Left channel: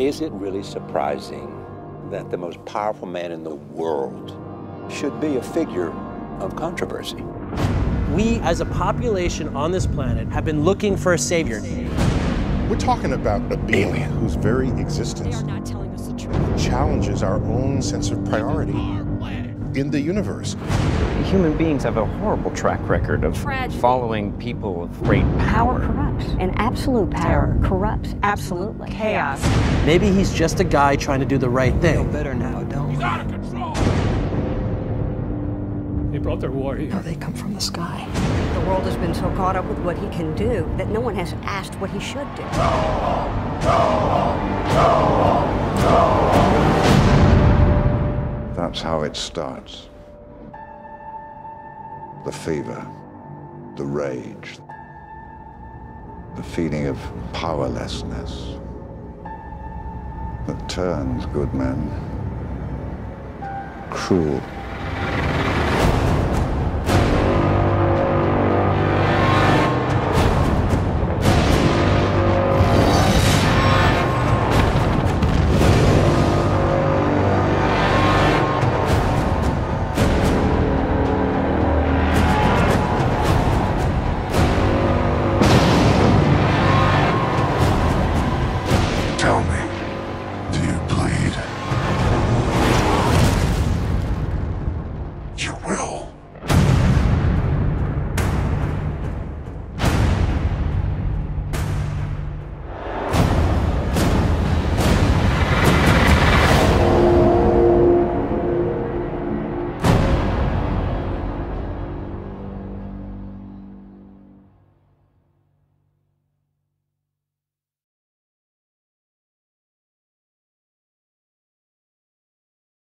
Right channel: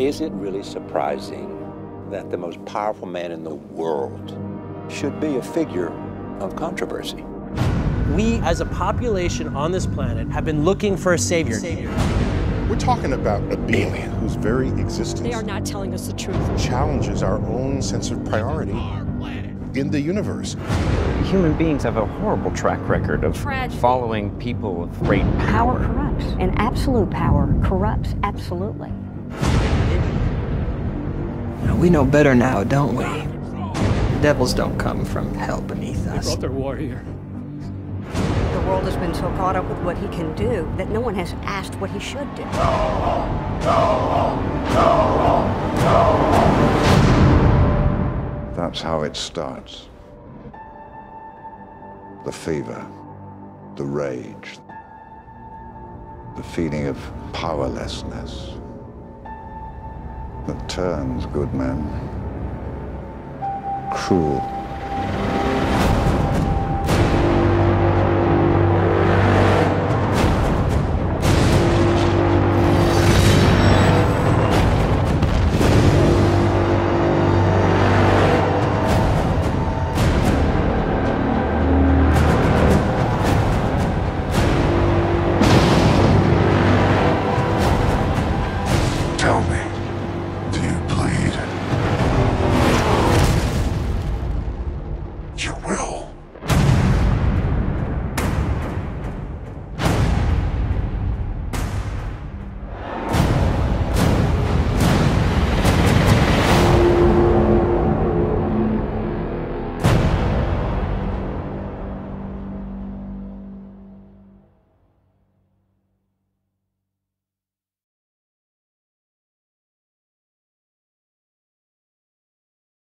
Is it really surprising that the most powerful man in the world should be a figure of controversy? We, as a population on this planet, have been looking for a savior. We're talking about a being whose very existence They are not telling us the truth. challenges our own sense of priority in the universe. Human beings have a horrible track record of following people of great Power power. corrupts, and absolute power corrupts absolutely. Chaos. Maybe he's just a guy trying to do the right We thing. know better now, don't we? Devils don't come from hell beneath us. They brought their war here. No, they come from the sky. The world has been so caught up with what he can do that no one has asked what he should do. That's how it starts. The fever, the rage, the feeling of powerlessness that turns good men cruel. Tell me, do you bleed? You will.